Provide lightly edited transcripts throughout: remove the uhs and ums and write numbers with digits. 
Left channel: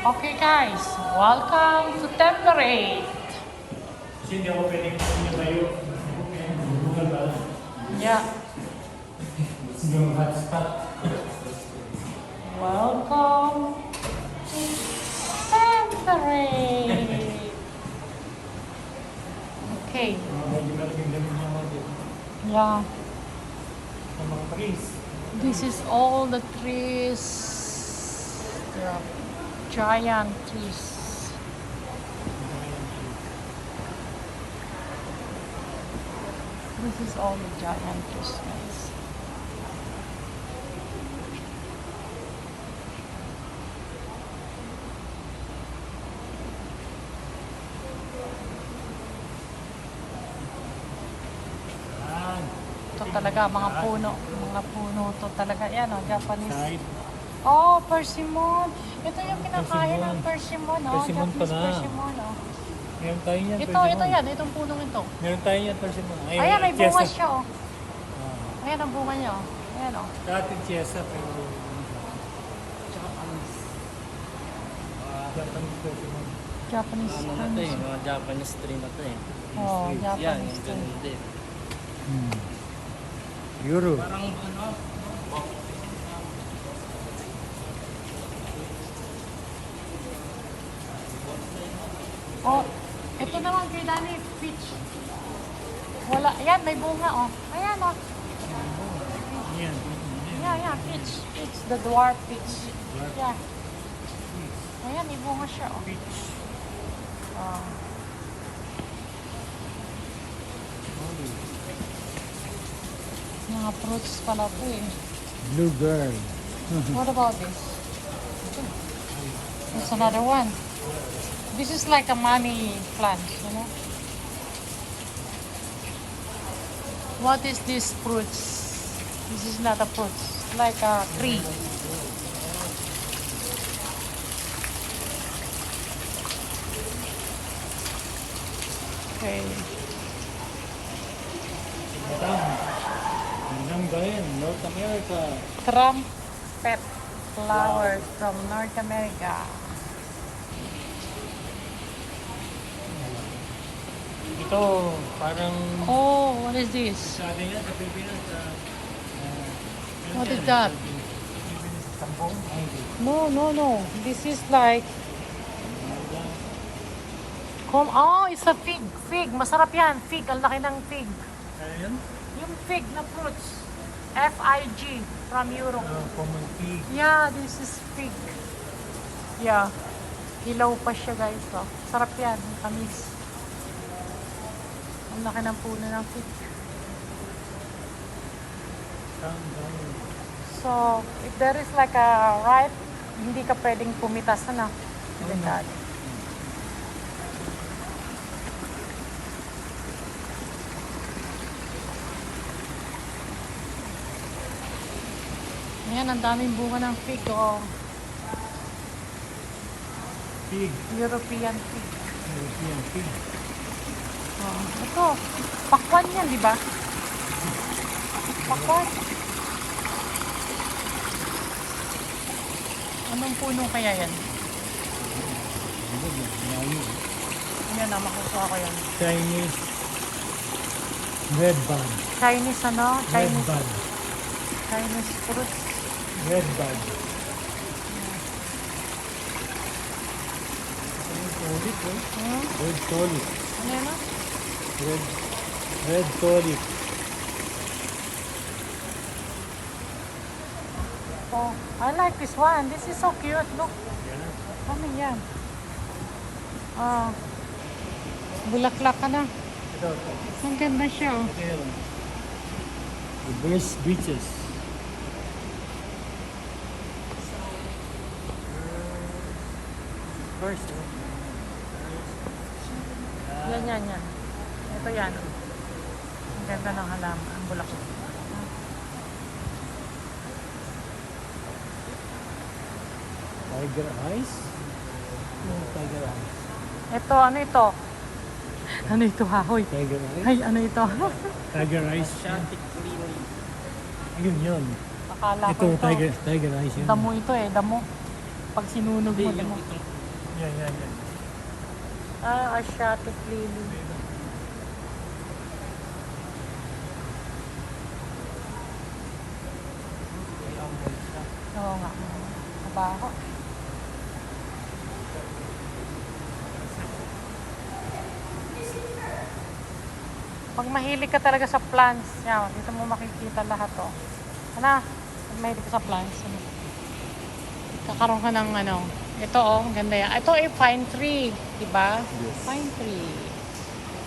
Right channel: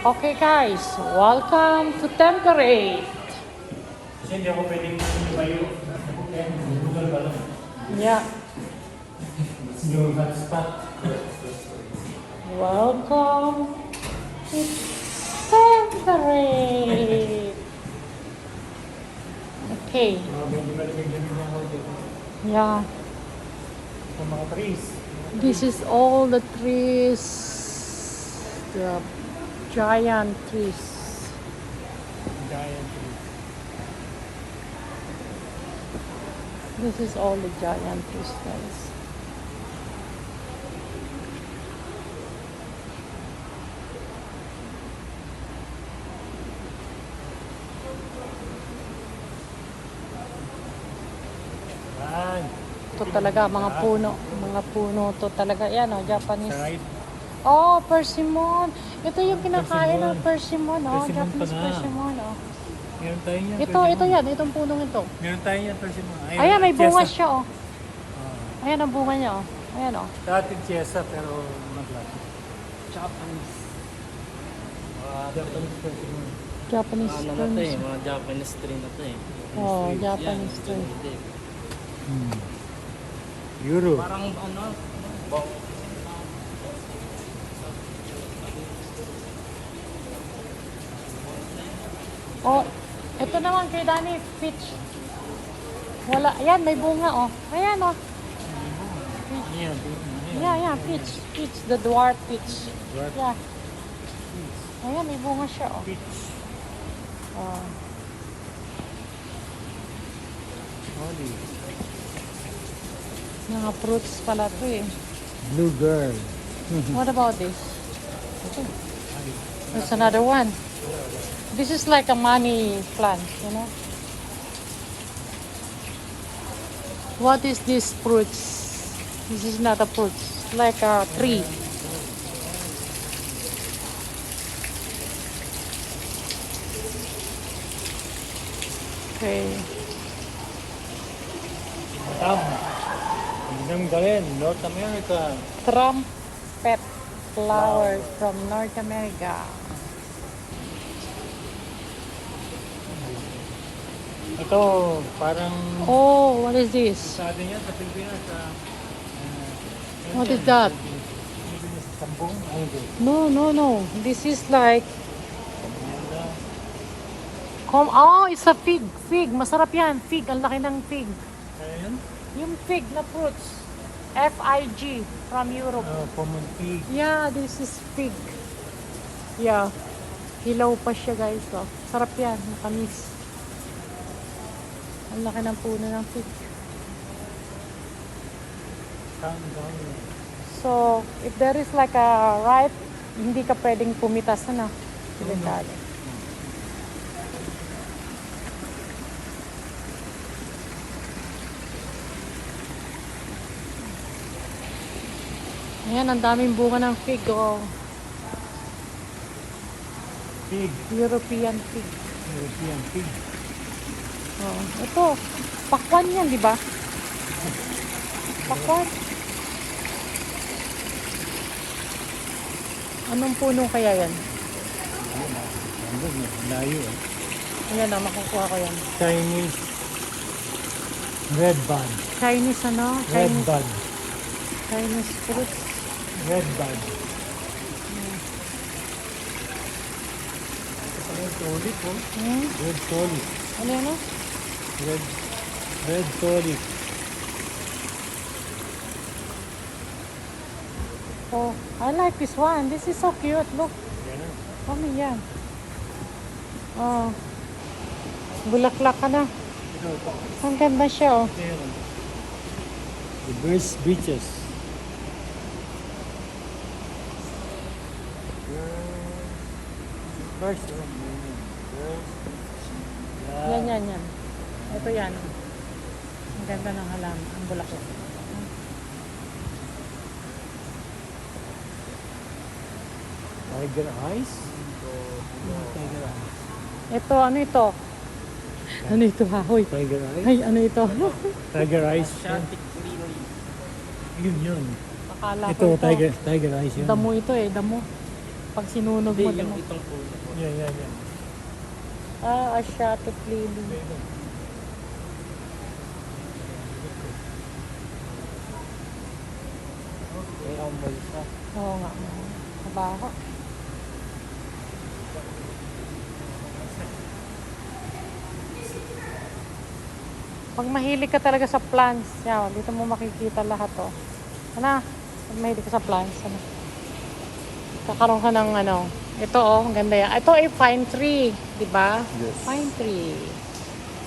Okay guys, welcome to Temperate. Kasi hindi ako pwedeng lumayo. Yeah. Yung hotspot. Welcome to Temperate. Okay. Medyo malaking lamig ng water. Yeah. Mga trees. This is all the trees. The giant trees. Giant trees. This is all the giant trees, guys. Yan. Ito talaga, mga puno. Mga puno to talaga. Yan, oh, Japanese. Kahit Oh, persimmon. Ito yung pinakain ng persimmon. Oh, Persimmon pa Japanese na. persimmon. meron tayo yan. Ito yan. Itong puno nito. Meron tayo yan, persimmon. Ayan, may bunga siya, oh. Ah. Ayan ang bunga niya, oh. Ayan, oh. Dati Chiesa, pero... Japanese. Japanese persimmon. Japanese. Ano na to eh, mga Japanese tree na to eh. Oh, Yan, Japanese yung tree. hindi. Euro. Parang ano, Oh, ito naman, Kuya Dani, peach. Wala, ayan, may bunga, oh. Ayan, oh. Yan. Yeah, peach. Peach, the dwarf peach. Yes. Yeah. Ayan, may bunga siya. Oh. Beach. Wow. Mga fruits pala ito eh. Blue girl. What about this? There's another one. This is like a money plant, you know? What is this fruits? This is not a fruit. It's like a tree. Okay. Ang galing, North America. Trumpet flowers from North America. Ito, parang Oh, what is this? sa atin yan, sa Pilipinas, What is that? No. This is like... Oh, it's a fig. Fig. Masarap yan. Fig. Ang laki ng fig. Ayan, Yung fig na fruits. F-I-G from Europe. pumunti. Yeah, this is fig. Yeah. Hilaw pa siya, guys. Oh. Sarap yan. Ang tamis. Ang laki ng puno ng fig. So, if there is like a ripe, hindi ka pwedeng pumitas na. Oh, no. Ayan, ang daming bunga ng fig. Oh. Pig. European fig. European pig. Oh, ito, pakwan yan, di ba? Pakwan. Anong puno kaya yan? Layo. Ayan, ang gusto ko yan. Chinese red bud. Chinese ano? Red bud. Chinese fruits. Red bud. Solid po. Red solid. Ayan o. Red solid. Oh, I like this one. This is so cute. Look. Ano yan? Ah, bulaklak ka na. Ito. Ang ganda siya, oh. The British beaches. Yan. Ito yan, oh. Ang ganda ng halaman. Ang bulaklak. Tiger eyes? Tiger eyes. Ito, ano ito? Ano ito, hahoy? Tiger eyes? Ay, ano ito? Tiger eyes. Asiatic lily. Yun. Akala ko Ito, tiger eyes yun. Damo ito eh, damo. pag sinunog mo. Hindi, yung itong po. Asiatic lily. Oo nga. Bakit? Pag mahilig ka talaga sa plants, yan, dito mo makikita lahat to. Ano? Pag mahilig ka sa plants, ano? Pagkaroon ka ng ano, ito oh, ang ganda yan. Ito ay pine tree, di ba? Yes. Pine tree.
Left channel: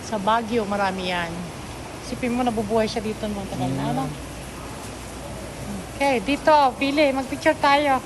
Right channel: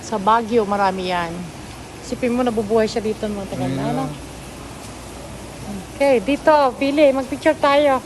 Sa Baguio, marami yan. Sipin mo, nabubuhay siya dito. No? Ano? Okay, dito, pili, magpicture tayo.